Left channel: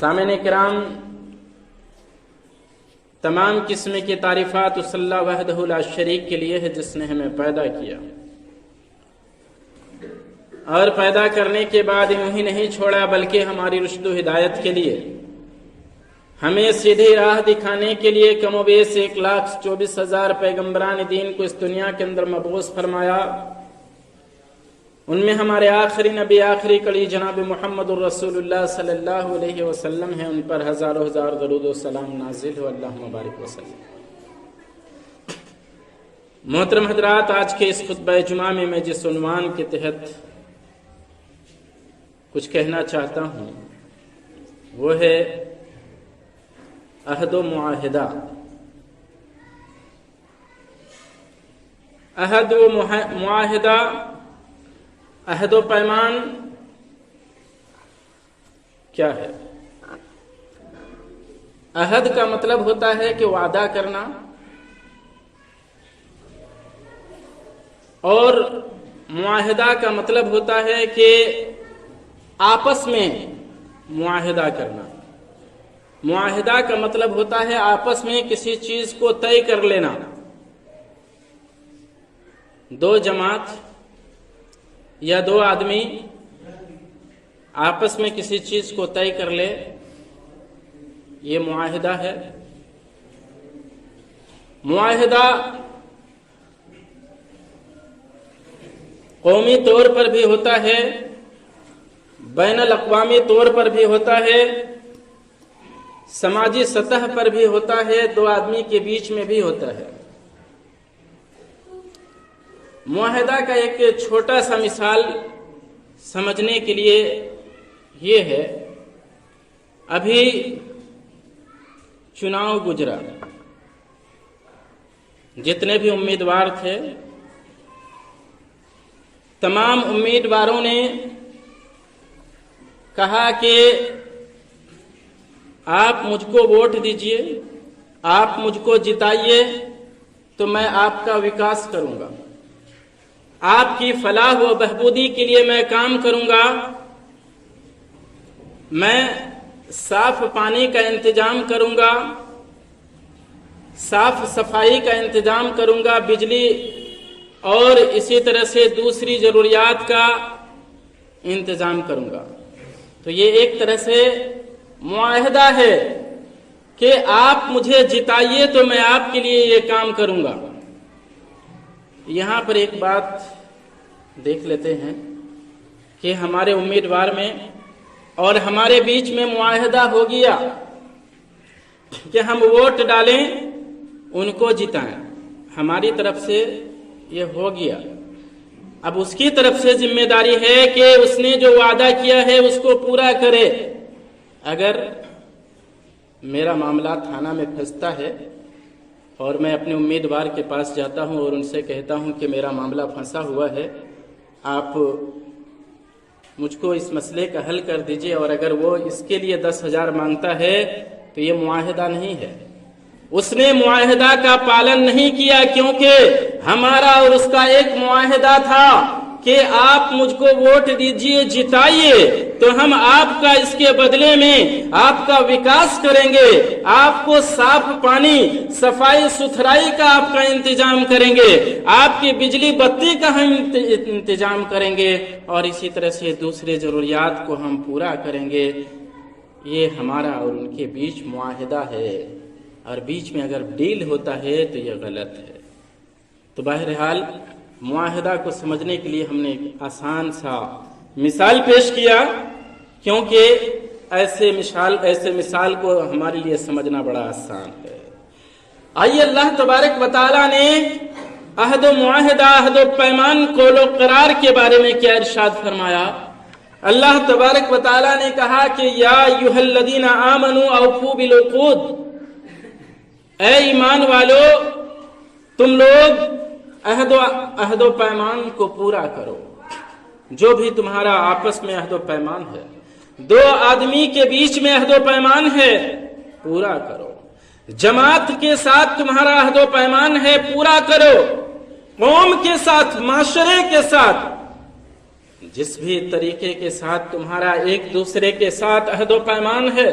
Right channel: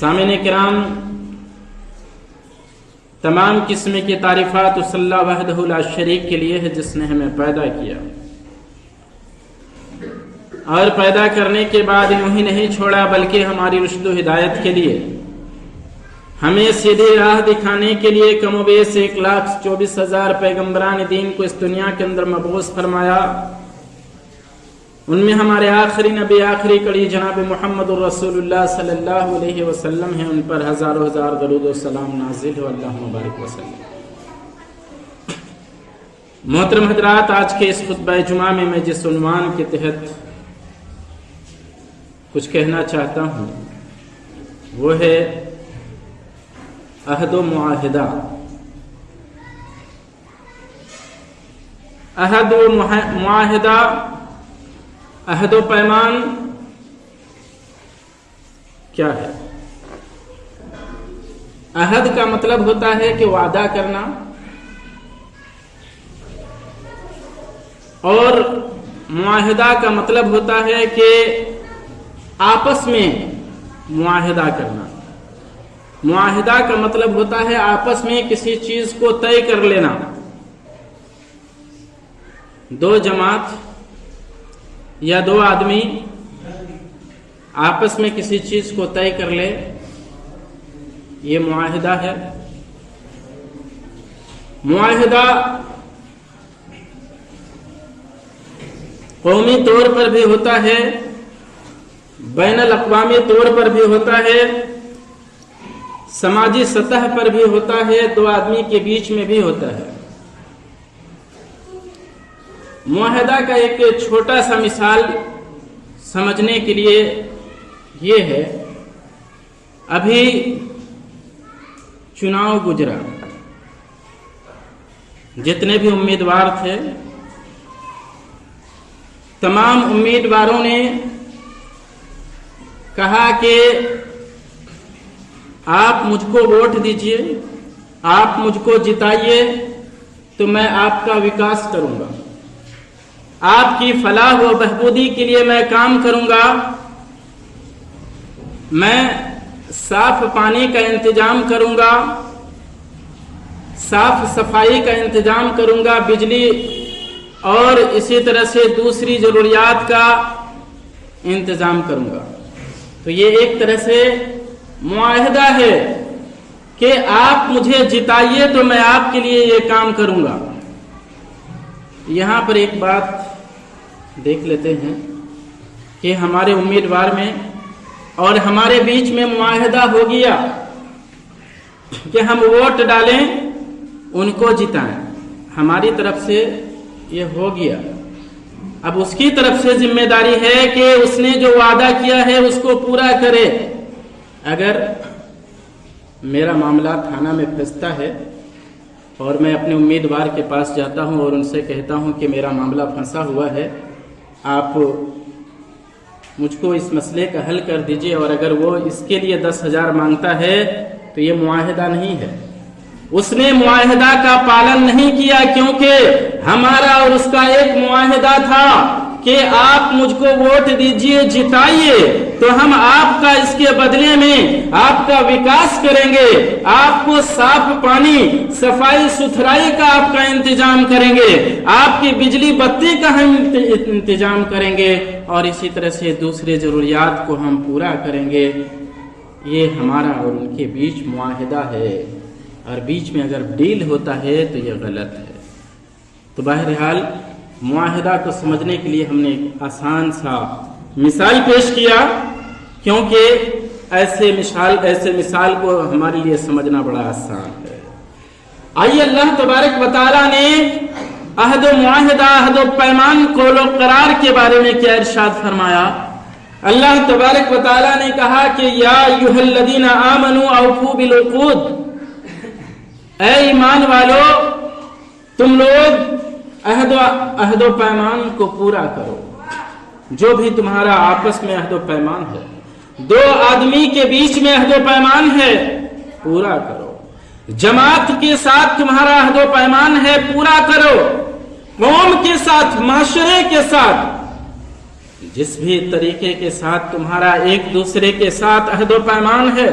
سامعین کرام، تمام قسم کی تعریفات اس اللہ وحدہ لا شریک کے لیے ہے جس نے ہمیں پیدا کیا اور پیدا کرنے کے بعد یوں ہی نہیں چھوڑا بلکہ ہماری رشد و ہدایت کے لیے، ہمیں سیدھی راہ دکھانے کے لیے کم و بیش 1,24,000 پیغمبران دین کو اس دنیا کے اندر مبعوث فرمایا۔ ان میں ہمارے آخری نبی، آخری کڑی جناب محمد الرسول اللہ صلی اللہ علیہ وسلم ہیں، ان پر ہزاروں ہزار درود و سلام نازل ہو، اللہ مبارک وسلم۔ محترم حضرات، آج کے اس خطبہ جمعہ میں جس عنوان کے تحت کچھ کہنا چاہتا ہوں وہ ہے عہد و معاہدہ۔ عہد و معاہدہ، عہد و پیمان کیا ہے؟ عہد کا مطلب ہوتا ہے کہ وعدہ کرنا، اور معاہدہ کا مطلب ہوتا ہے کہ آپس میں معاہدہ کرنا۔ معاہدہ کا مطلب ہوتا ہے آپس میں کسی چیز کو طے کر لینا۔ دو جماعت یا دو آدمی آپس میں کسی چیز کو طے کر لے، یہ معاہدہ ہے۔ معاہدہ قومی طور پر بھی ہوتا ہے، بین الاقوامی طور پر بھی ہوتا ہے، سماجی سطح پر بھی ہوتا ہے، دو آدمی کے بیچ میں بھی ہوتا ہے۔ معاہدہ کا ایک چھوٹا سا مثال سمجھنے کے لیے یہ ہے، ابھی چناؤ گزرا، جتنے بھی امیدوار تھے تمام امیدواروں نے کہا کہ آپ مجھ کو ووٹ دیجئے، آپ مجھ کو جتائیے تو میں آپ کا وکاس کروں گا، آپ کی فلاح و بہبودی کے لیے میں کام کروں گا، میں صاف پانی کا انتظام کروں گا، صاف صفائی کا انتظام کروں گا، بجلی اور اسی طرح سے دوسری ضروریات کا انتظام کروں گا۔ تو یہ ایک طرح سے معاہدہ ہے کہ آپ مجھے جتائیے تو میں آپ کے لیے یہ کام کروں گا۔ یہاں پر ایک بات دیکھ لیتے ہیں کہ ہمارے امیدوار میں اور ہمارے بیچ میں معاہدہ ہو گیا کہ ہم ووٹ ڈالیں، ان کو جتائیں، ہماری طرف سے یہ ہو گیا۔ اب اس کی طرف سے ذمہ داری ہے کہ اس نے جو وعدہ کیا ہے اس کو پورا کرے۔ اگر میرا معاملہ تھانہ میں پھنستا ہے اور میں اپنے امیدوار کے پاس جاتا ہوں اور ان سے کہتا ہوں کہ میرا معاملہ پھنسا ہوا ہے، آپ مجھ کو اس مسئلے کا حل کر دیجئے، اور اگر وہ اس کے لیے 10,000 مانگتا ہے تو یہ معاہدہ نہیں ہے، اس نے معاہدہ کا پالن نہیں کیا، کیونکہ ہمارا اور اس کا ایک معاہدہ تھا کہ آپ مجھ کو ووٹ دیجئے، جتائیے تو ہم آپ کا اس کے بدلے میں آپ کا وکاس کریں گے، آپ کو صاف پانی، صفائی ستھرائی کا آپ کا انتظام کریں گے، آپ کی بجلی بتی کا ہم انتظام کریں گے، اور اسی طرح سے دوسری ضروریات کو ہم پورا کریں گے۔ یہ ہمارا اور ان کے بیچ معاہدہ ہے، اور بیچ میں اگر ڈیل ہوتا ہے تو یہ غلط ہے۔ تو بہرحال معاہدہ کو سمجھنے کے لیے ہم نے ایک آسان سا مثال پیش کیا، کیونکہ ایسے مثال کو ہمارے لیے سمجھنا بڑا آسان ہے۔ آئیے اللہ تبارک و تعالیٰ نے عہد و معاہدہ، عہد و پیمان، قول و قرار کے بارے میں کیا ارشاد فرمایا؟ اللہ تبارک و تعالیٰ نے کہا کہ یا ایھا الذین آمنوا اوفوا بالعقود، اے ایمان والو تم لوگ عہد و پیمان کو پورا کرو۔ جو بھی تمہارا آپس میں عہد و پیمان ہے، دو آدمی کے بیچ میں عہد و پیمان ہے، پورا کرو۔ جماعت کے ساتھ تمہارا عہد و پیمان ہے، پورا کرو۔ قوم کے ساتھ، معاشرے کے ساتھ जिस भी तरीके के साथ तुम्हारा एक दूसरे के साथ अहद व पैमान है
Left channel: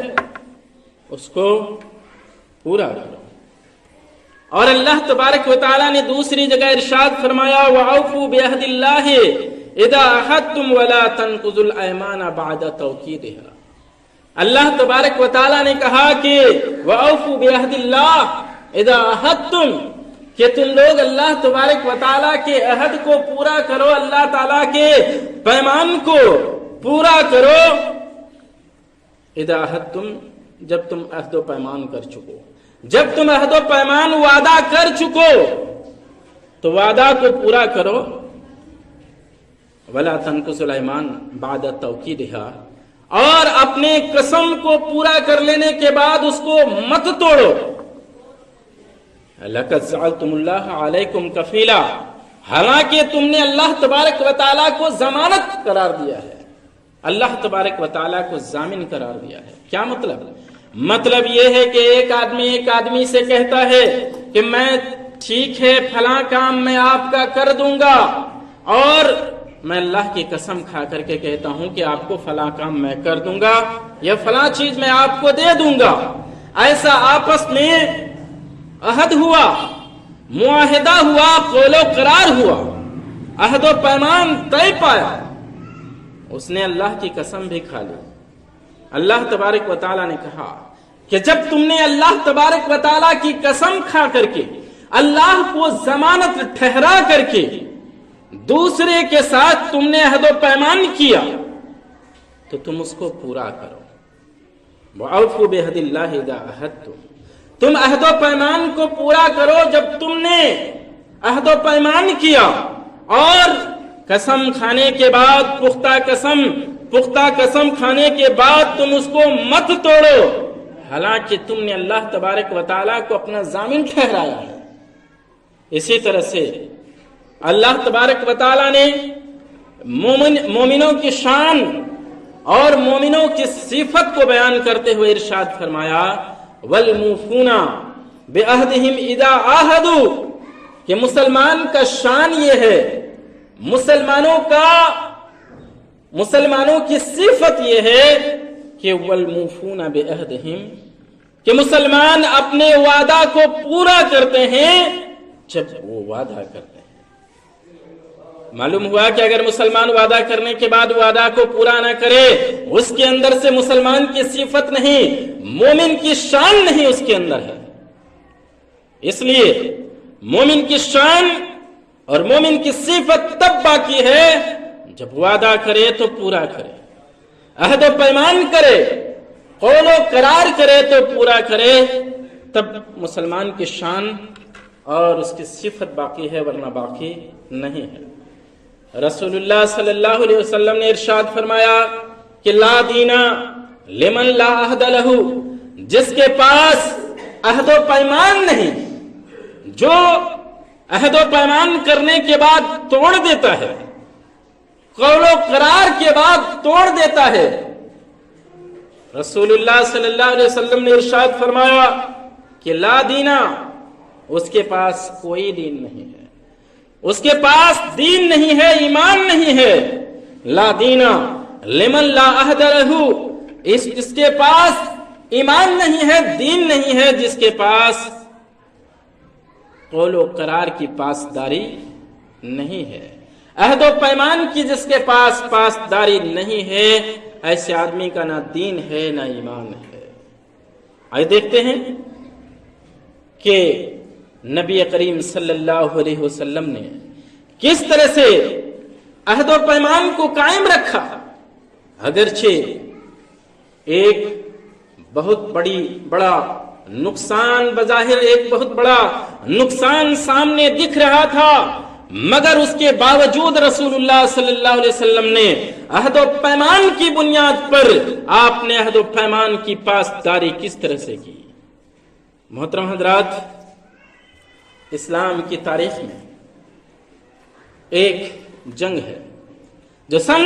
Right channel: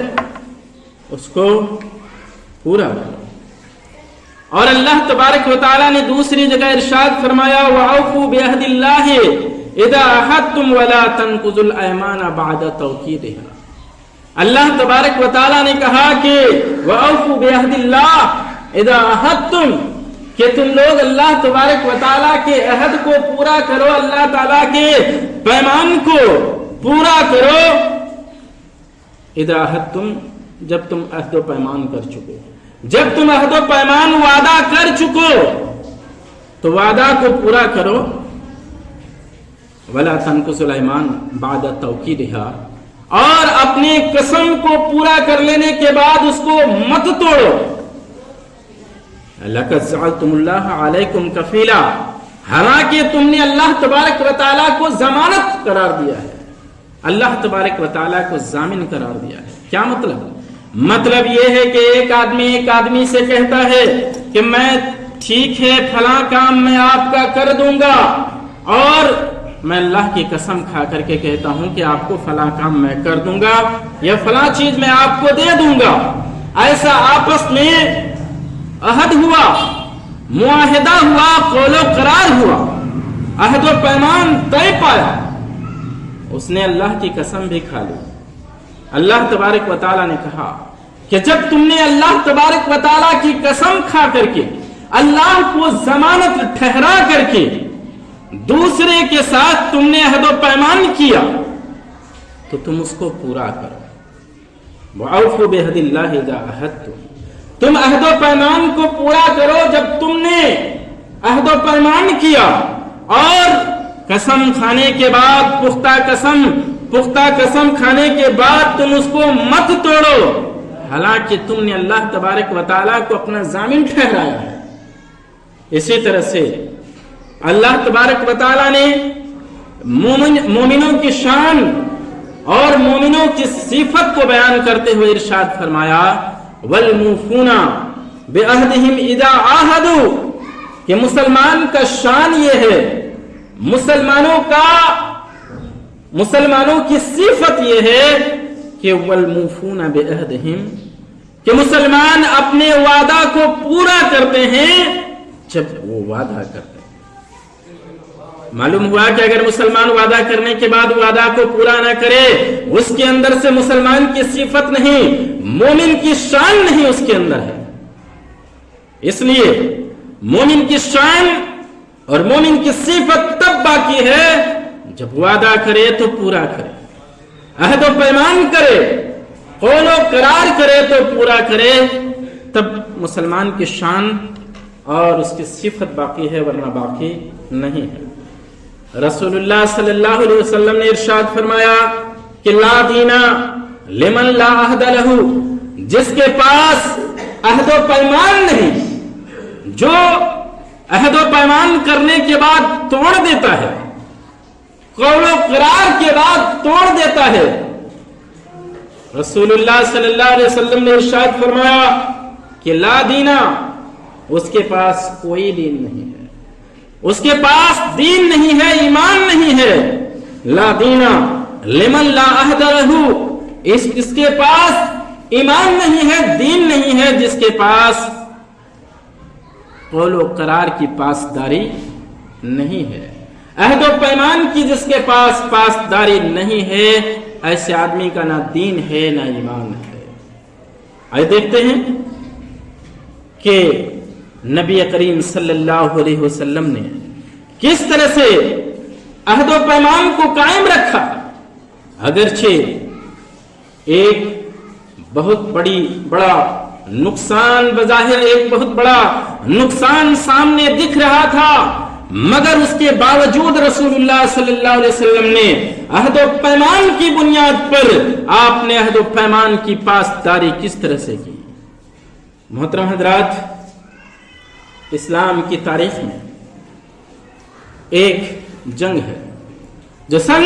उसको पूरा करो। और अल्लाह तबारक व तआला ने दूसरी जगह इरशाद फरमाया वअफ़ू बिअहदिल्लाहि इज़ा अहदतुम वला तनकुज़ुल अयमाना बअद तौकीदिहा। अल्लाह तबारक व तआला ने कहा कि वअफ़ू बिअहदिल्लाह इज़ा अहदतुम, कि तुम लोग अल्लाह तबारक व तआला के अहद को पूरा करो, अल्लाह ताला के पैमान को पूरा करो। इज़ा अहदतुम, जब तुम अहद व पैमान कर चुको, जब तुम अहद व पैमान वादा कर चुको तो वादा को पूरा करो। वला तनकुज़ुल अयमान बाद तौकीदिहा, और अपने कसम को पूरा कर लेने के बाद उसको मत तोड़ो। लक़द जअलतुमुल्लाह अलैकुम कफीला, हालांकि तुमने अल्लाह तबारक व तआला को जमानत करार दिया है, अल्लाह तबारक व तआला को जामिन करार दिया है। क्या मतलब यह है कि एक आदमी से कहता है कि मैं ठीक है फला काम मैं आपका कर दूंगा, और मैं अल्लाह की कसम खा करके कहता हूं कि आपको फला काम मैं कर दूंगा या फला चीज मैं आपको दे दूंगा। ऐसा आपस में अहद हुआ, मुआहिदा हुआ, कौलो करार हुआ, अहद व पैमान तय पाया, उसने अल्लाह की कसम भी खा ली। अल्लाह तबारक व तआला ने कहा कि जब तुमने अल्लाह तबारक व तआला की कसम खा करके अल्लाह को जमानत ठहरा करके दूसरे के साथ तुमने अहद व पैमान किया तो तुम उसको पूरा करो। वअफ़ू बिअहदिल्लाहि इज़ा अहदतुम, तुम अहद व पैमान को पूरा करो। जब तुमने अहद व पैमान किया और कसम खाने के बाद पुख्ता कसम खाने के बाद तुम उसको मत तोड़ो, हालांकि तुमने अल्लाह तबारक व तआला को अपना जामिन ठहराया है। इसी तरह से अल्लाह तबारक व तआला ने मोमिनों की शान और मोमिनों की सिफत को बयान करते हुए इरशाद फरमाया वल मूफूना बिअहदिहिम इज़ा आहदू, कि मुसलमान का शान ये है, मुसलमानों की सिफत ये है कि वल मूफूना बिअहदिहिम, कि मुसलमान अपने वादा को पूरा करते हैं जब वो वादा करते हैं। मालूम हुआ कि अगर मुसलमान वादा करने के बाद वादा को पूरा ना करे, उसके अंदर से मुसलमान की सिफत नहीं, मोमिन की शान नहीं उसके अंदर है। इसलिए मोमिन की शान और मोमिन की सिफत तब बाकी है जब वादा करे तो पूरा करे, अहद व पैमान करे, कौलो करार करे तो पूरा करे, तब मुसलमान की शान और उसकी सिफत बाकी है, वरना बाकी नहीं है। रसूलुल्लाह सल्लल्लाहु अलैहि वसल्लम ने इरशाद फरमाया कि ला दीना लिमन ला अहद लहू, जिसके पास अहद व पैमान नहीं, जो अहद व पैमान करने के बाद तोड़ देता है, कौलो करार के बाद तोड़ देता है। रसूलुल्लाह सल्लल्लाहु अलैहि वसल्लम ने इरशाद फरमाया कि ला दीना, उसके पास कोई दीन नहीं है, उसके पास दीन नहीं है, ईमान नहीं है। ला दीना लिमन ला अहद लहू, इसके पास ईमान नहीं है, दीन नहीं है, जिसके पास कौलो करार की पासदारी नहीं है, अहद व पैमान की जिसके पास पासदारी नहीं है, ऐसे आदमी का ना दीन है ना ईमान है। आइए देखते हैं कि नबी करीम सल्लल्लाहु अलैहि वसल्लम ने किस तरह से अहद व पैमान को कायम रखा। अगरचे एक बहुत बड़ा नुकसान, बजाहिर एक बहुत बड़ा नुकसान सामने दिख रहा था, मगर उसके बावजूद रसूलुल्लाह सल्लल्लाहु अलैहि वसल्लम ने अहद व पैमान की बुनियाद पर आपने अहद व पैमान की पासदारी किस तरह से की। मोहतरम हजरात, इस्लाम की तारीख में एक जंग है जो सन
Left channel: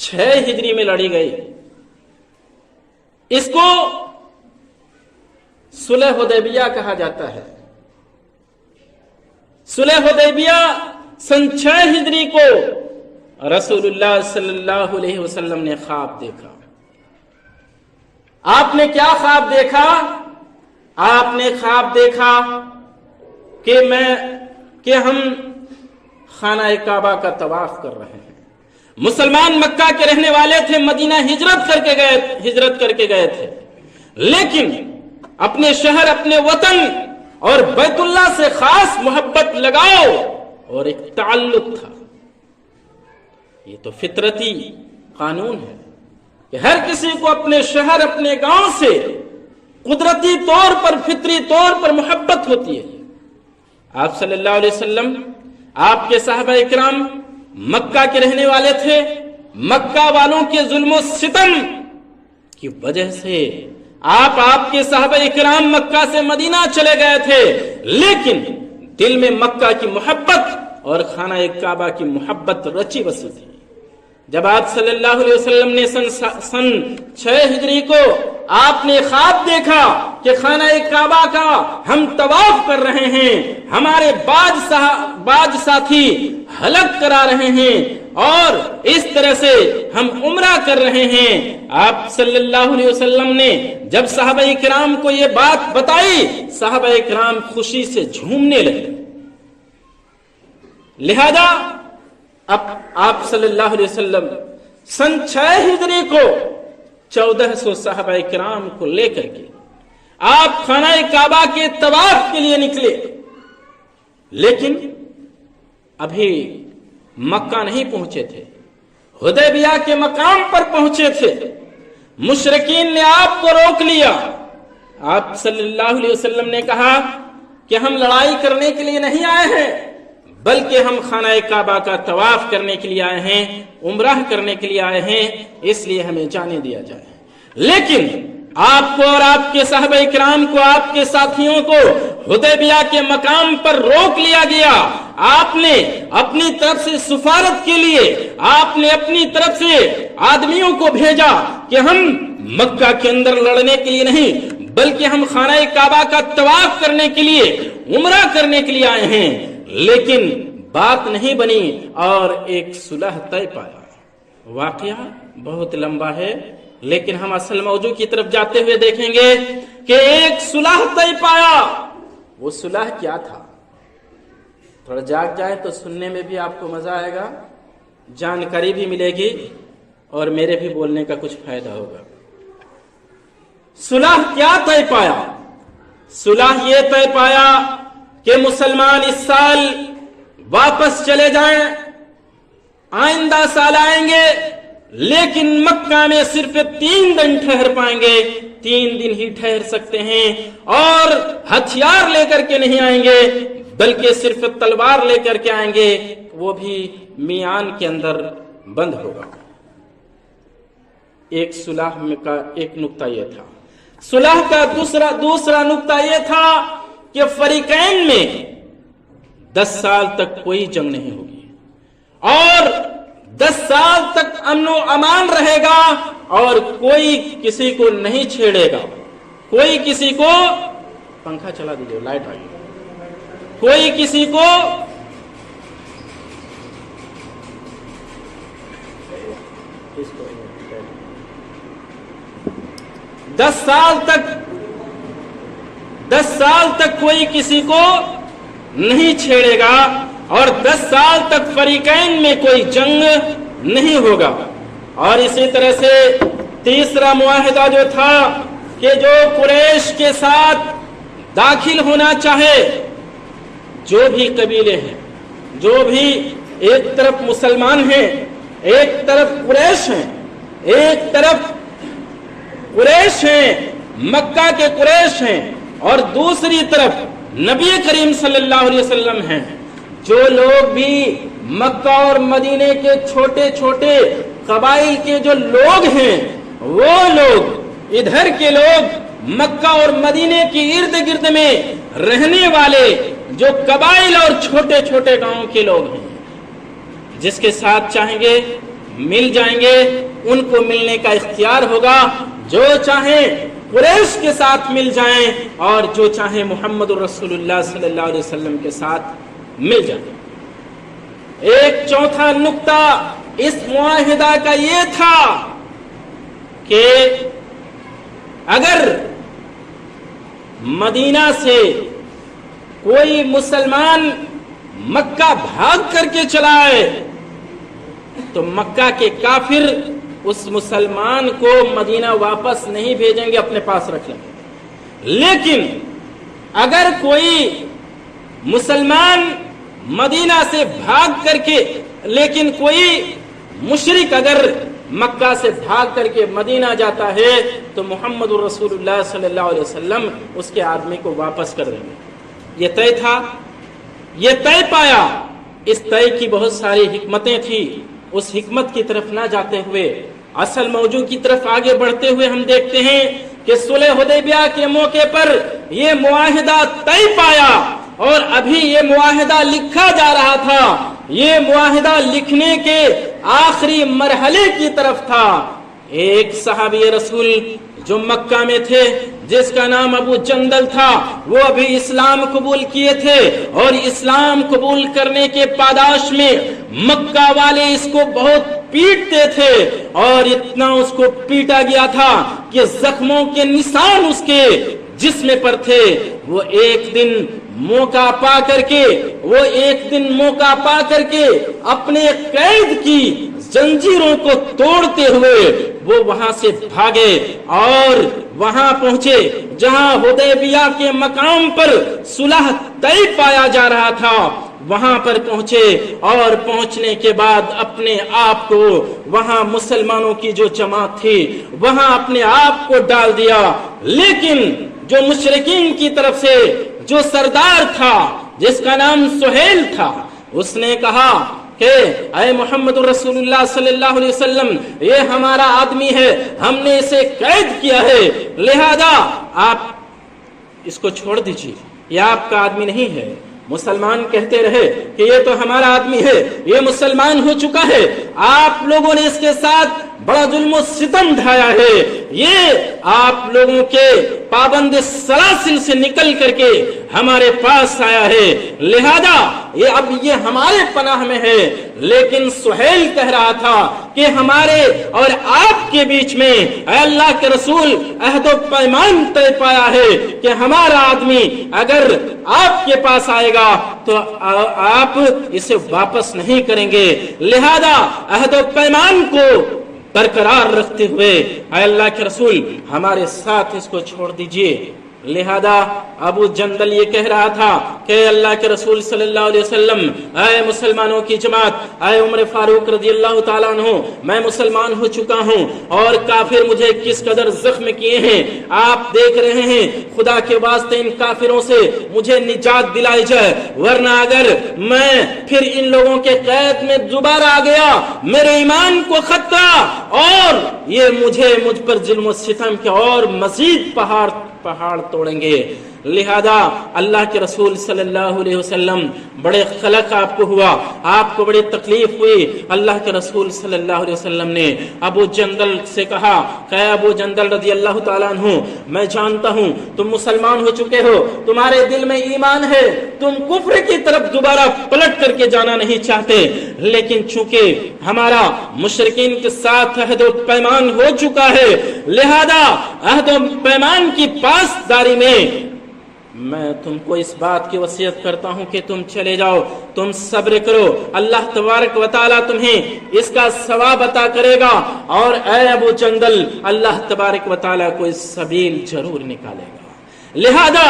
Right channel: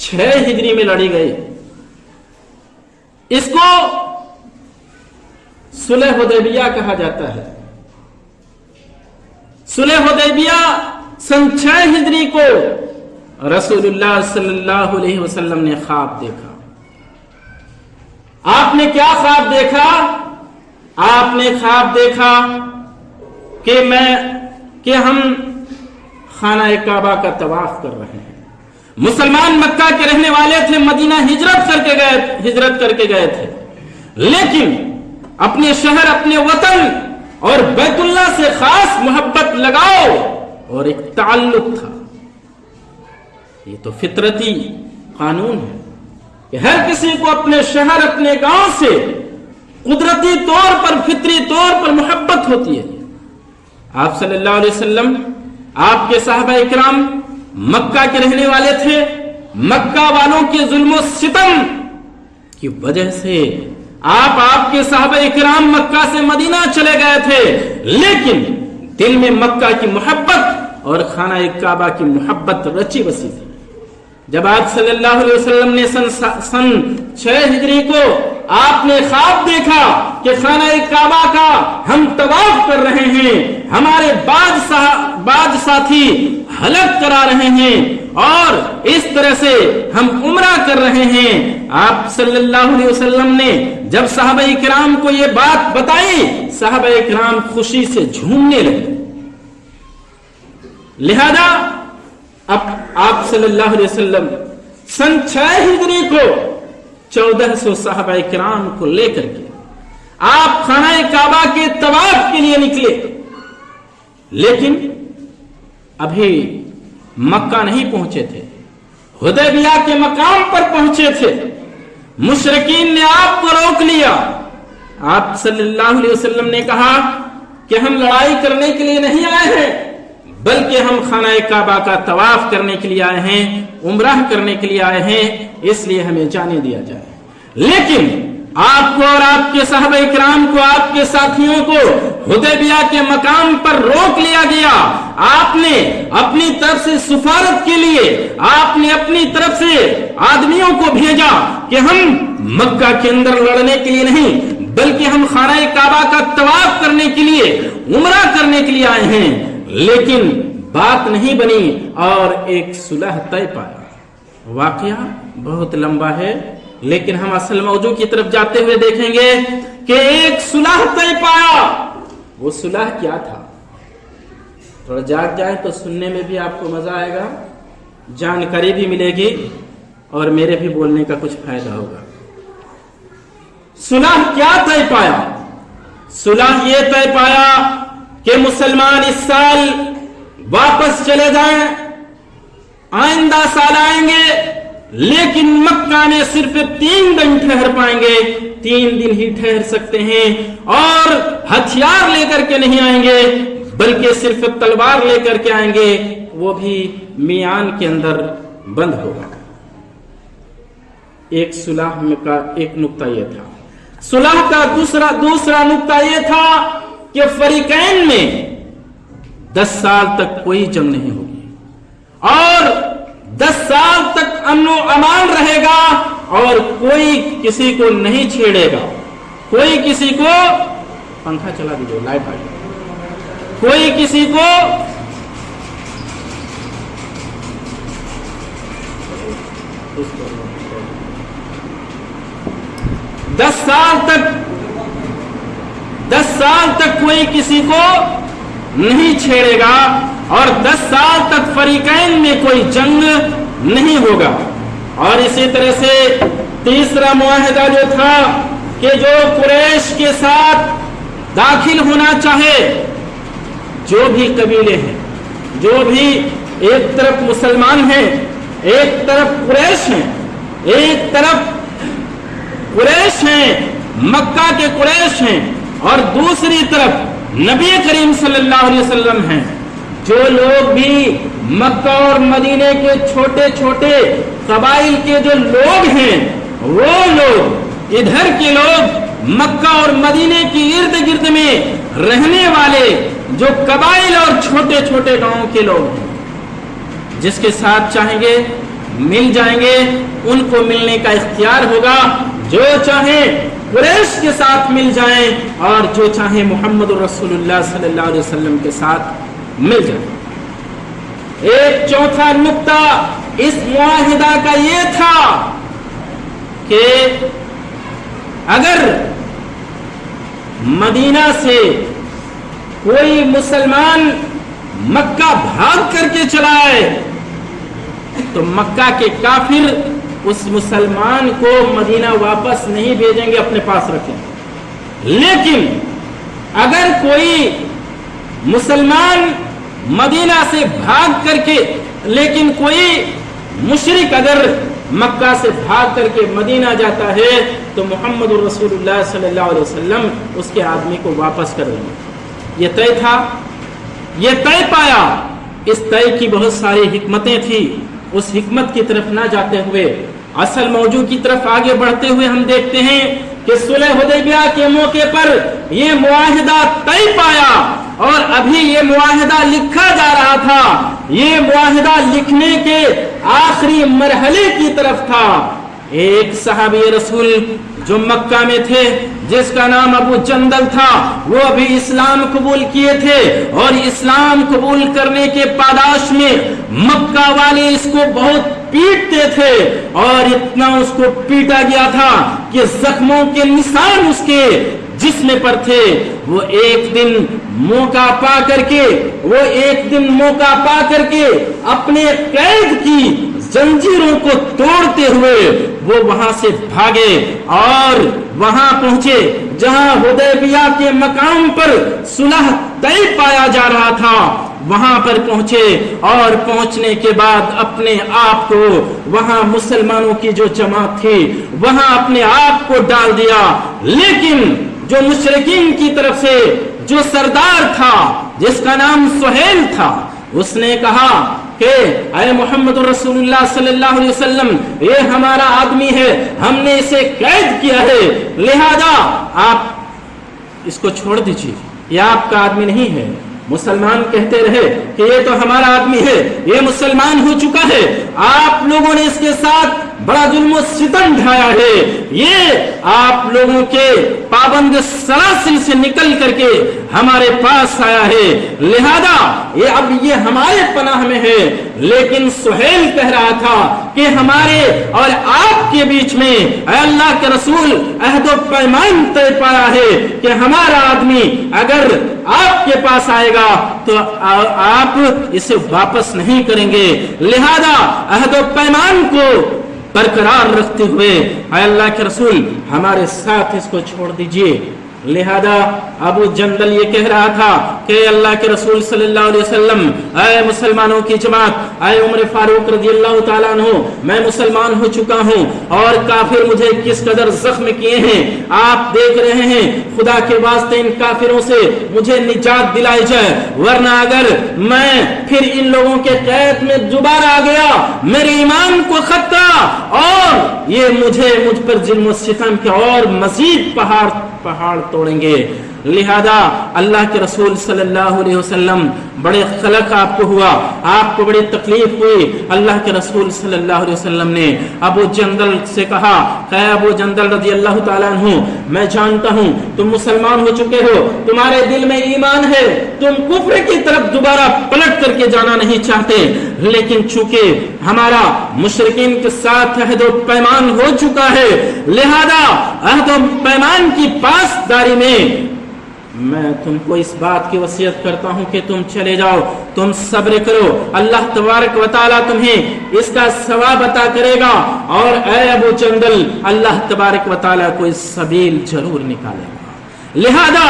6 हिजरी में लड़ी गई। इसको सुलह हुदैबिया कहा जाता है। सुलह हुदैबिया सन 6 हिजरी को रसूलुल्लाह सल्लल्लाहु अलैहि वसल्लम ने ख्वाब देखा। आपने क्या ख्वाब देखा? आपने ख्वाब देखा कि हम खाना काबा का तवाफ कर रहे हैं। मुसलमान मक्का के रहने वाले थे, मदीना हिजरत करके गए थे, लेकिन अपने शहर, अपने वतन और बैतुल्लाह से खास मोहब्बत लगाओ और एक ताल्लुक था। ये तो फितरती कानून है कि हर किसी को अपने शहर, अपने गांव से कुदरती तौर पर, फितरी तौर पर मोहब्बत होती है। आप सल्लल्लाहु अलैहि वसल्लम, आपके साहबा इकराम मक्का के रहने वाले थे। मक्का वालों के जुल्म सितम की वजह से आपके साहबा इकराम मक्का से मदीना चले गए थे, लेकिन दिल में मक्का की मोहब्बत और खाना काबा की मोहब्बत रची बसी थी। जब आप सल्लल्लाहु अलैहि वसल्लम ने सन 6 हिजरी को आपने ख्वाब देखा कि खाना काबा का हम तवाफ कर रहे हैं, हमारे बाज साथी हलक करा रहे हैं और इस तरह से हम उम्रा कर रहे हैं, आप सल्लल्लाहु अलैहि वसल्लम ने जब सहाबाए किराम को ये बात बताई, सहाबाए किराम खुशी से झूमने लगे। लिहाजा अब आप सल्लल्लाहु अलैहि वसल्लम सन 6 हिजरी को 1400 सहाबाए किराम को लेकर के आप खाना काबा के तवाफ के लिए निकले, लेकिन अभी मक्का नहीं पहुंचे थे, हुदैबिया के मकाम पर पहुंचे थे। मुशरिकीन ने आपको रोक लिया। आप सल्लल्लाहु अलैहि वसल्लम ने कहा कि हम लड़ाई करने के लिए नहीं आए हैं, बल्कि हम खाना काबा का तवाफ करने के लिए आए हैं, उम्रह करने के लिए आए हैं, इसलिए हमें जाने दिया जाए। लेकिन आपको और आपके साहबे किराम को, आपके साथियों को हुदैबिया के मकाम पर रोक लिया गया। आपने अपनी तरफ से सिफारत के लिए आपने अपनी तरफ से आदमियों को भेजा कि हम मक्का के अंदर लड़ने के लिए नहीं, बल्कि हम खाना काबा का तवाफ करने के लिए, उम्रा करने के लिए आए हैं। लेकिन बात नहीं बनी और एक सुलह तय पाया। वाकया बहुत लंबा है, लेकिन हम असल मौजू की तरफ जाते हुए देखेंगे कि एक सुलह तय पाया। वो सुलह क्या था? थोड़ा जाग जाए तो सुनने में भी आपको मजा आएगा, जानकारी भी मिलेगी और मेरे भी बोलने का कुछ फायदा होगा। सुलह क्या तय पाया? सुलह ये तय पाया कि मुसलमान इस साल वापस चले जाएं, आइंदा साल आएंगे, लेकिन मक्का में सिर्फ 3 दिन ठहर पाएंगे, 3 दिन ही ठहर सकते हैं, और हथियार लेकर के नहीं आएंगे, बल्कि सिर्फ तलवार लेकर के आएंगे, वो भी मियान के अंदर बंद होगा। एक सुलह का एक नुक्ता यह था। सुलह का दूसरा नुक्ता यह था कि फरीकैन में 10 साल तक कोई जंग नहीं होगी और 10 साल तक अमन अमान रहेगा और कोई किसी को नहीं छेड़ेगा, कोई किसी को, पंखा चला दीजिए, लाइट आ गई, कोई किसी को दस साल तक कोई किसी को नहीं छेड़ेगा और 10 साल तक फरीकैन में कोई जंग नहीं होगा। और इसी तरह से तीसरा मुआहदा जो था कि जो कुरैश के साथ दाखिल होना चाहे, जो भी कबीले हैं, जो भी एक तरफ मुसलमान हैं, एक तरफ कुरैश हैं, एक तरफ कुरैश हैं, मक्का के कुरैश हैं, और दूसरी तरफ नबी करीम सल्लल्लाहु अलैहि वसल्लम हैं। जो लोग भी मक्का और मदीने के छोटे छोटे कबाइल के जो लोग हैं, वो लोग, इधर के लोग, मक्का और मदीने के इर्द गिर्द में रहने वाले जो कबाइल और छोटे छोटे गांवों के लोग हैं, जिसके साथ चाहेंगे मिल जाएंगे, उनको मिलने का इख्तियार होगा। जो चाहे कुरैश के साथ मिल जाएं और जो चाहे मोहम्मद रसूलुल्लाह सल्लल्लाहु अलैहि वसल्लम के साथ मिल जाएं। एक चौथा नुक्ता اس معاہدہ کا یہ تھا کہ اگر مدینہ سے کوئی مسلمان مکہ بھاگ کر کے چلا آئے تو مکہ کے کافر اس مسلمان کو مدینہ واپس نہیں بھیجیں گے، اپنے پاس رکھیں گے۔ لیکن اگر کوئی مسلمان مدینہ سے بھاگ کر کے، لیکن کوئی مشرک اگر مکہ سے بھاگ کر کے مدینہ جاتا ہے تو محمد رسول اللہ صلی اللہ علیہ وسلم اس کے آدمی کو واپس کر دیں گے۔ یہ طے تھا، یہ طے پایا۔ اس طے کی بہت ساری حکمتیں تھیں۔ اس حکمت کی طرف نہ جاتے ہوئے اصل موضوع کی طرف آگے بڑھتے ہوئے ہم دیکھتے ہیں کہ صلح حدیبیہ کے موقع پر یہ معاہدہ طے پایا اور ابھی یہ معاہدہ لکھا جا رہا تھا۔ یہ معاہدہ لکھنے کے آخری مرحلے کی طرف تھا۔ ایک صحابی رسول جو مکہ میں تھے جس کا نام ابو جندل تھا، وہ ابھی اسلام قبول کیے تھے اور اسلام قبول کرنے کے پاداش میں مکہ والے اس کو بہت پیٹتے تھے اور اتنا اس کو پیٹا گیا تھا کہ زخموں کے نشان اس کے جسم پر تھے۔ وہ ایک دن موقع پا کر کے اپنے قید کی زنجیروں کو توڑتے ہوئے وہ وہاں سے بھاگے اور وہاں پہنچے جہاں حدیبیہ کے مقام پر صلح طے پایا جا رہا تھا۔ وہاں پر پہنچے اور پہنچنے کے بعد اپنے آپ کو وہاں مسلمانوں کی جو جماعت تھی وہاں اپنے آپ کو ڈال دیا۔ لیکن جو مشرکین کی طرف سے جو سردار تھا جس کا نام سہیل تھا، اس نے کہا کہ اے محمد رسول اللہ صلی اللہ علیہ وسلم، یہ ہمارا آدمی ہے، ہم نے اسے قید کیا ہے، لہذا آپ اس کو چھوڑ دیجیے، یہ آپ کا آدمی نہیں ہے۔ مسلمان کہتے رہے کہ یہ تو ہمارا آدمی ہے، یہ مسلمان ہو چکا ہے، آپ لوگوں نے اس کے ساتھ بڑا ظلم و ستم ڈھایا ہے، یہ آپ لوگوں کے پابند سلاسل سے نکل کر کے ہمارے پاس آیا ہے، لہذا اب یہ ہمارے پناہ میں ہے۔ لیکن سہیل کہہ رہا تھا کہ ہمارے اور آپ کے بیچ میں اے اللہ کے رسول عہد و پیمان طے پایا ہے کہ ہمارا آدمی اگر آپ کے پاس آئے گا تو آپ اسے واپس نہیں کریں گے، لہذا عہد و پیمان کو برقرار رکھتے ہوئے اے اللہ کے رسول ہمارے ساتھ اس کو چھوڑ دیجئے۔ لہذا ابو جندل یہ کہہ رہا تھا کہ اللہ کے رسول صلی اللہ علیہ وسلم، اے مسلمانوں کی جماعت، اے عمر فاروق رضی اللہ تعالیٰ عنہ، میں مسلمان ہو چکا ہوں اور کافر مجھے کس قدر زخم کیے ہیں آپ دیکھ رہے ہیں، خدا کے واسطے ان کافروں سے مجھے نجات دلائی جائے، ورنہ اگر میں پھر ان لوگوں کے قید میں دوبارہ آ گیا میرے ایمان کو خطرہ اور یہ مجھ پر ظلم و ستم کے اور مزید پہاڑ توڑیں گے۔ لہذا اللہ کے رسول صلی اللہ علیہ وسلم بڑے خلق آپ کو ہوا، آپ کو بڑی تکلیف ہوئی۔ اللہ کے رسول صلی اللہ علیہ وسلم نے ابو جندل سے کہا کہ ابو جندل رضی اللہ تعالیٰ عنہ، میں جانتا ہوں تم مسلمان ہو چکے ہو، تمہارے دل میں ایمان ہے، تم کفر کی طرف دوبارہ پلٹ کر کے جانا نہیں چاہتے، لیکن چونکہ ہمارا مشرکین کے ساتھ عہد و پیمان ہو چکا ہے، لہذا عہد و پیمان کی پاسداری میں میں تم کو اس بات کی وصیت کرتا ہوں کہ تم چلے جاؤ، تم صبر کرو، اللہ تبارک و تعالیٰ تمہیں اس کا ثواب عطا کرے گا، اور اے ابو جندل اللہ تبارک و تعالیٰ کوئی سبیل ضرور نکالے گا۔ لہذا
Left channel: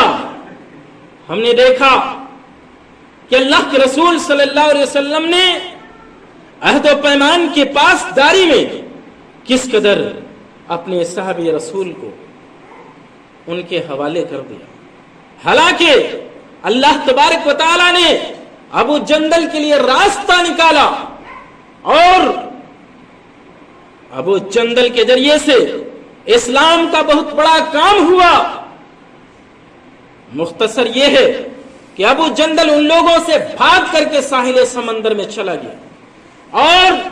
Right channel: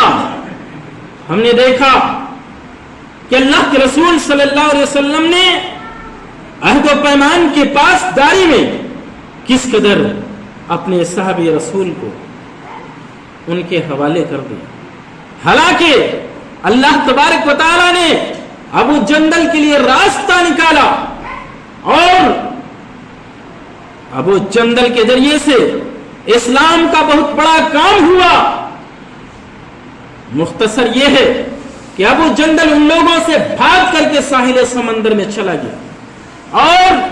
ہم نے دیکھا کہ اللہ کے رسول صلی اللہ علیہ وسلم نے عہد و پیمان کے پاسداری میں کس قدر اپنے صحابی رسول کو ان کے حوالے کر دیا۔ حالانکہ اللہ تبارک و تعالیٰ نے ابو جندل کے لیے راستہ نکالا اور ابو جندل کے ذریعے سے اسلام کا بہت بڑا کام ہوا۔ مختصر یہ ہے کہ ابو جندل ان لوگوں سے بھاگ کر کے ساحل سمندر میں چلا گیا اور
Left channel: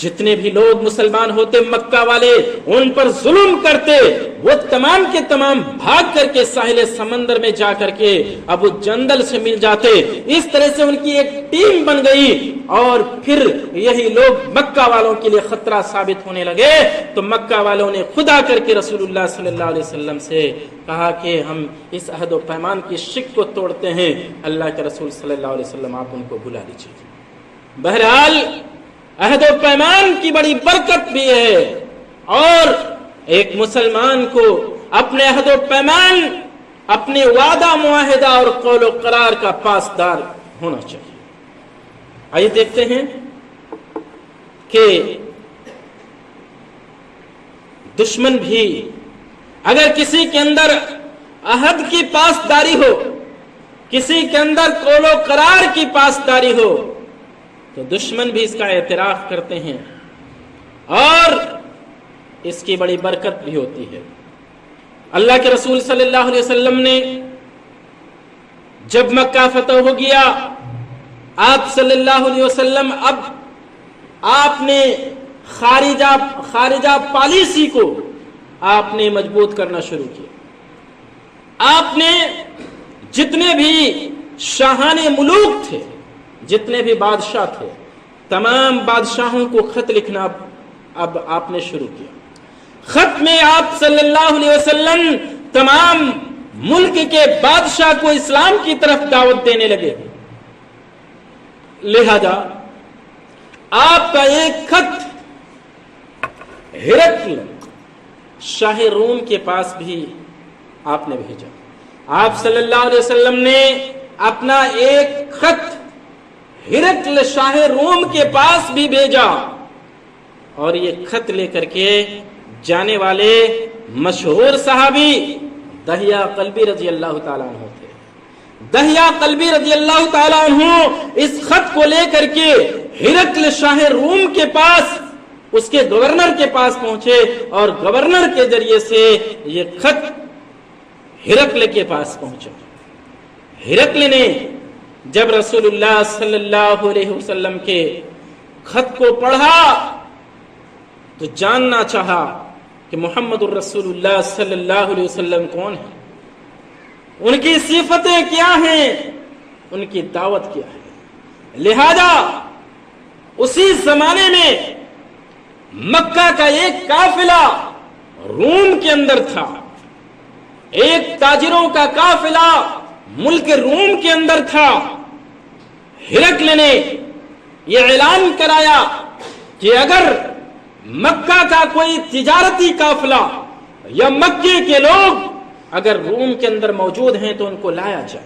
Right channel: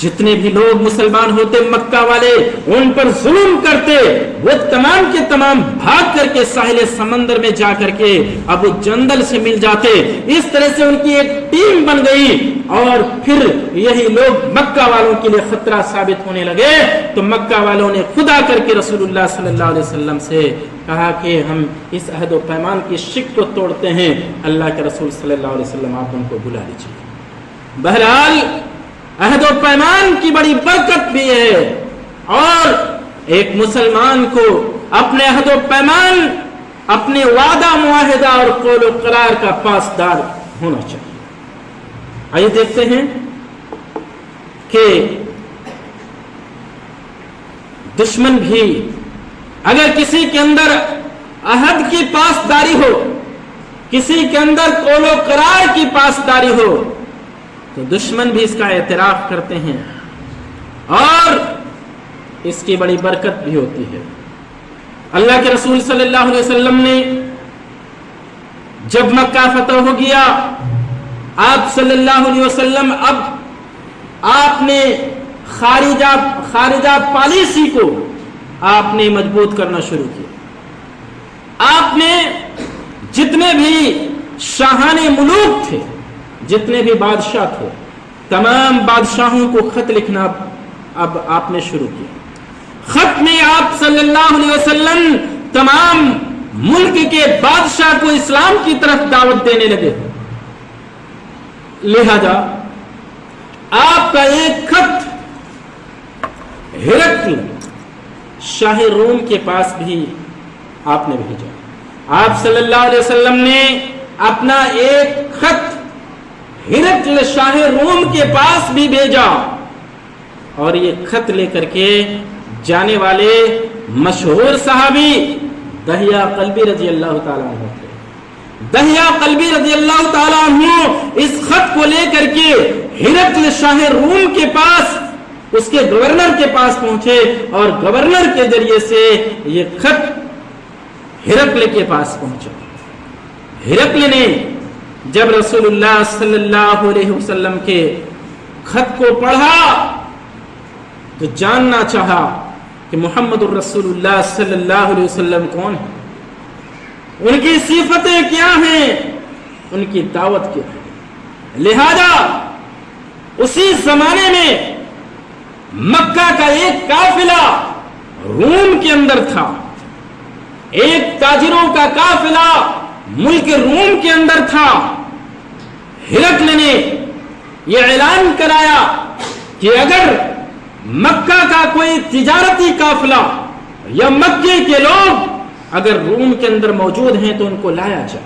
जितने भी लोग मुसलमान होते मक्का वाले उन पर जुल्म करते, वो तमाम के तमाम भाग करके साहिल समंदर में जा करके अबू जंदल से मिल जाते। इस तरह से उनकी एक टीम बन गई और फिर यही लोग मक्का वालों के लिए खतरा साबित होने लगे। तो मक्का वालों ने खुदा करके रसूलुल्लाह सल्लल्लाहु अलैहि वसल्लम से कहा कि हम इस अहद व पैमान की शिक को तोड़ते हैं। अल्लाह के रसूल सल्लल्लाहु अलैहि वसल्लम आप उनको बुला लीजिए। बहरहाल अहद व पैमान की बड़ी बरकत भी है और एक मुसलमान को अपने अहद व पैमान, अपने वादा मुआहिदा और कौल व करार का पासदार होना चाहिए। आइए देखते हैं कि दुश्मन भी अगर किसी के अंदर अहद की पासदारी हो, किसी के अंदर कौल व करार की पासदारी हो, तो दुश्मन भी इसका एतराफ करते हैं और इसकी बड़ी बरकत भी होती है। अल्लाह के रसूल सल्लल्लाहु अलैहि वसल्लम ने जब मक्का फतह हो गया, आप सल्लल्लाहु अलैहि वसल्लम अब आपने खारिजा पॉलिसी को आपने मजबूत करना शुरू किया। आपने जितने भी शाहाने मुलूक थे, जितने भी बादशाह थे, तमाम बादशाहों को खत लिखना अब आपने शुरू किया। खत में आप सल्लल्लाहु अलैहि वसल्लम तमाम मुल्क के बादशाह को इस्लाम की तरफ दावत देने लगे। लिहाजा आपका एक खत हिरकल शाह रोम के पास भी आपने भेजा। आप सल्लल्लाहु अलैहि वसल्लम ने अपना एक खत हिरकल शाह रोम के पास भी भेजा और ये खत लेकर के जाने वाले मशहूर सहाबी दहिया कल्बी रजी अल्लाह ताला अन्हु थे। दहिया कल्बी रजी अल्लाह ताला अन्हु इस खत को लेकर के हिरकल शाह रोम के पास, उसके गवर्नर के पास पहुंचे और गवर्नर के जरिए से ये खत हिरकल के पास पहुंचा। हिरकल ने जब रसूलुल्लाह सल्लल्लाहु अलैहि वसल्लम के खत को पढ़ा तो जानना चाहा कि मुहम्मदुर रसूलुल्लाह सल्लल्लाहु अलैहि वसल्लम कौन है, उनकी सिफतें क्या हैं, उनकी दावत क्या है। लिहाजा उसी जमाने में मक्का का एक काफिला रूम के अंदर था, एक ताजिरों का काफिला मुल्क रूम के अंदर था। हिरकल ने यह ऐलान कराया कि अगर मक्का का कोई तिजारती काफिला या मक्के के लोग अगर रूम के अंदर मौजूद हैं तो उनको लाया जाए।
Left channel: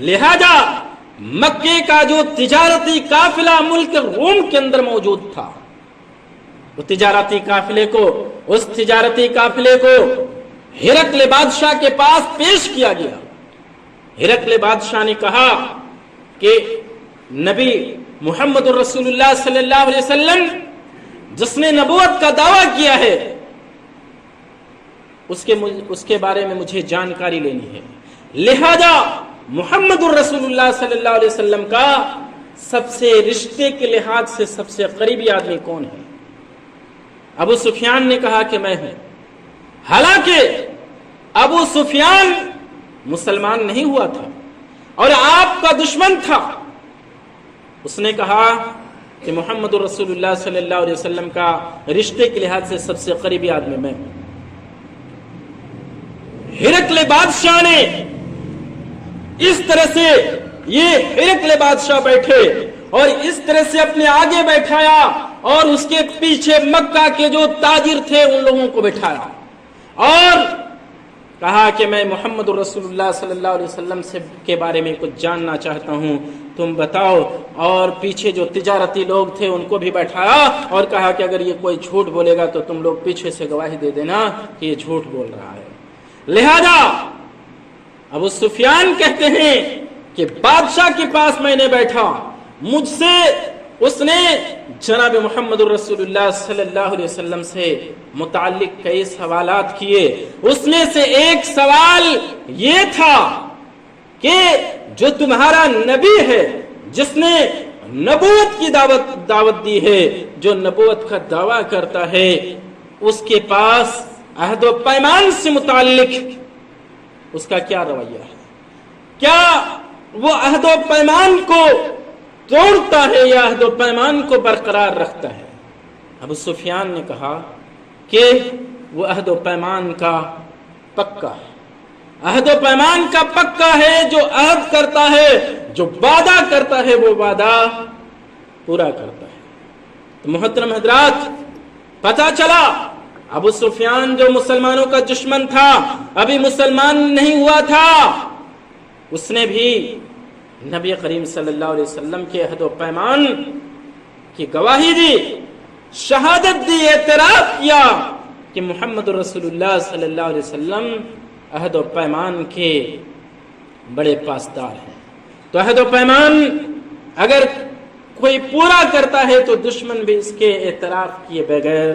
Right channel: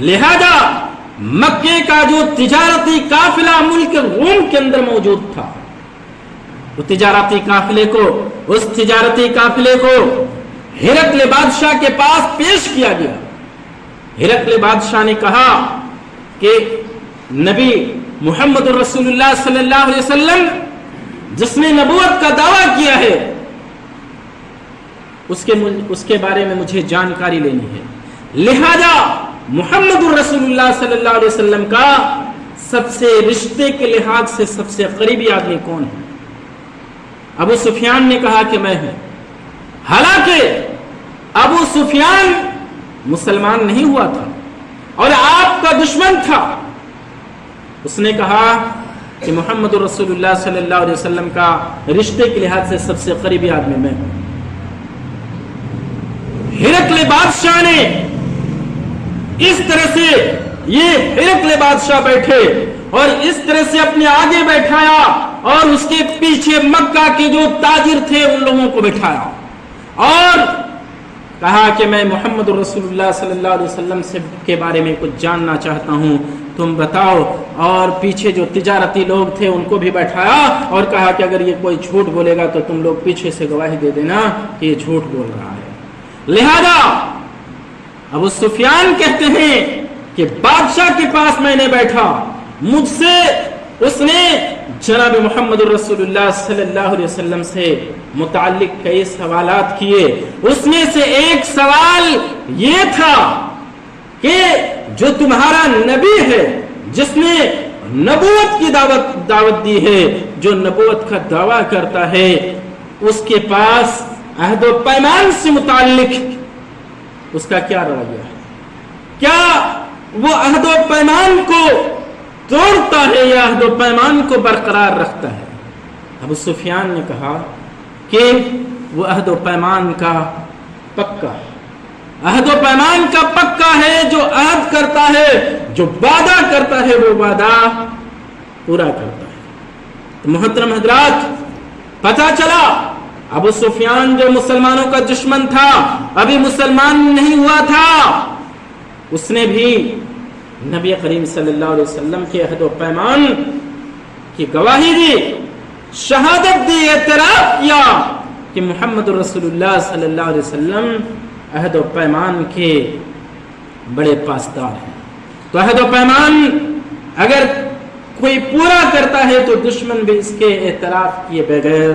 लिहाजा मक्के का जो तिजारती काफिला मुल्क रूम के अंदर मौजूद था, उस तिजारती काफिले को हिरकल बादशाह के पास पेश किया गया। हिरकल बादशाह ने कहा कि नबी मुहम्मद रसूलुल्लाह सल्लल्लाहु अलैहि वसल्लम जिसने नबूवत का दावा किया है उसके बारे में मुझे जानकारी लेनी है। लिहाजा मुहम्मद रसूलुल्लाह सल्लल्लाहु अलैहि वसल्लम का सबसे रिश्ते के लिहाज से सबसे करीबी आदमी कौन है? अबू सुफियान ने कहा कि मैं हूं। हालांकि अबू सुफियान मुसलमान नहीं हुआ था और आपका दुश्मन था। उसने कहा कि मोहम्मद रसूलुल्लाह सल्लल्लाहु अलैहि वसल्लम का रिश्ते के लिहाज से सबसे करीबी आदमी मैं हूं। हिरकल बादशाह ने इस तरह से, ये हिरकल बादशाह बैठे और इस तरह से अपने आगे बैठाया और उसके पीछे मक्का के जो ताजिर थे उन लोगों को बैठाया और कहा कि मैं मोहम्मद रसूलुल्लाह सल्लल्लाहु अलैहि वसल्लम से के बारे में कुछ जानना चाहता हूं, तुम बताओ। और पीछे जो तिजारती लोग थे उनको भी बैठाया और कहा कि अगर ये कोई झूठ बोलेगा तो तुम लोग पीछे से गवाही दे देना कि ये झूठ बोल रहा है। लिहाजा अबू सुफियान कहते हैं कि बादशाह के पास मैंने बैठा, मुझसे उसने जनाब मोहम्मद रसूलुल्लाह सल्लल्लाहु अलैहि वसल्लम से मुताल्लिक कई सवालात किए। उसमें से एक सवाल ये था कि जो तुम्हारा नबी है जिसने नबूवत की दावत दी है। जो नबूवत का दावा करता है उसके पास अहद व पैमान से मुताल्लिक उसका क्या रवैया है? क्या वो अहद व पैमान को तोड़ता है या अहद व पैमान को बरकरार रखता है? अबू सुफियान ने कहा कि वो अहद व पैमान का पक्का है, अहद व पैमान का पक्का है। जो अहद करता है, जो वादा करता है, वो वादा पूरा करता है। तो मुहतरम हजरात, पता चला अबू सुफियान जो मुसलमानों का दुश्मन था, अभी मुसलमान नहीं हुआ था, उसने भी नबी करीम सल्लल्लाहु अलैहि वसल्लम के अहद व पैमान की गवाही दी, शहादत दी, एतराफ किया कि मुहम्मद रसूलुल्लाह सल्लल्लाहु अलैहि वसल्लम अहद व पैमान के बड़े पासदार हैं। तो अहद व पैमान अगर कोई पूरा करता है तो दुश्मन भी इसके एतराफ किए बगैर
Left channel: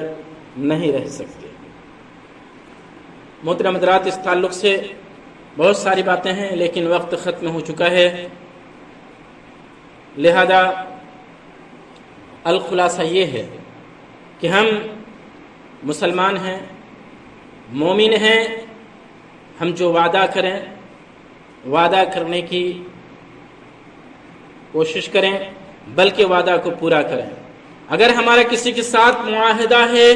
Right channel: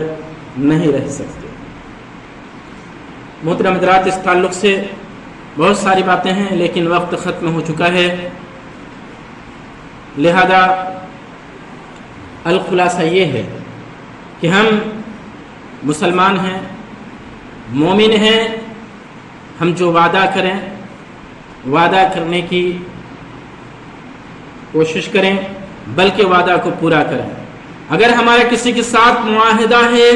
नहीं रह सकते। मोहतरम हज़रात, इस ताल्लुक से बहुत सारी बातें हैं, लेकिन वक्त ख़त्म हो चुका है। लिहाजा अल खुलासा ये है कि हम मुसलमान हैं, मोमिन हैं। हम जो वादा करें, वादा करने की कोशिश करें, बल्कि वादा को पूरा करें। अगर हमारा किसी के साथ मुआहिदा है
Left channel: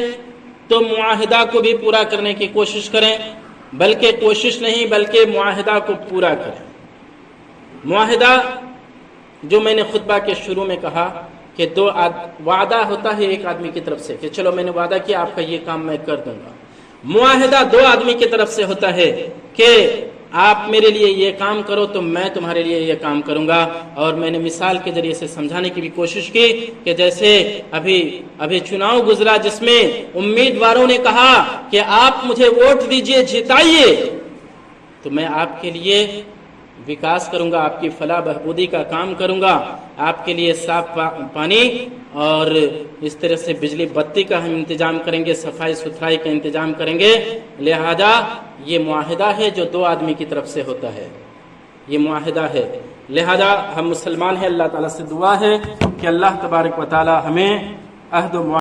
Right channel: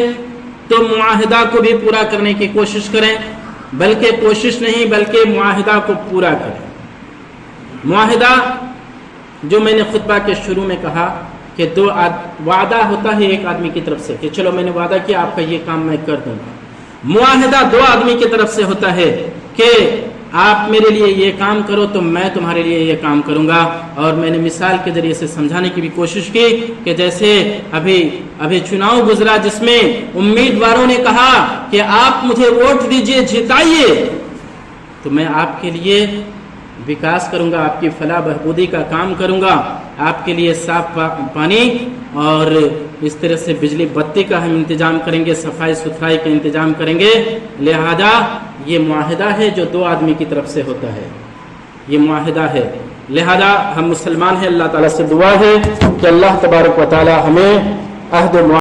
तो मुआहिदा को भी पूरा करने की कोशिश करें, बल्कि कोशिश नहीं बल्कि मुआहिदा को पूरा करें। मुआहिदा जो मैंने खुतबा के शुरू में कहा कि वादा होता है एक आदमी की तरफ से कि चलो मैंने वादा किया आपका ये काम मैं कर दूंगा। मुआहिदा दो आदमी की तरफ से होता है कि आप मेरे लिए ये काम करो तो मैं तुम्हारे लिए ये काम करूंगा। और मैंने मिसाल के जरिए से समझाने की भी कोशिश की कि जैसे अभी चुनाव गुजरा जिसमें उम्मीदवारों ने कहा कि आप मुझे वोट दीजिए, जिताइए, तो मैं आपके लिए विकास करूंगा, आपकी फलाह बहबूदी का काम करूंगा, आपके लिए साफ पानी और इस तरह से बिजली बत्ती का हम इंतजाम करेंगे, सफाई सुथराई का इंतजाम करेंगे। लिहाजा ये मुआहिदा है जो दो आदमी की तरफ से होता है, ये मुआहिदा है। लिहाजा हम मुसलमान हैं, अल्लाह ताला से दुआ है कि अल्लाह तबारक व तआला हमें अहद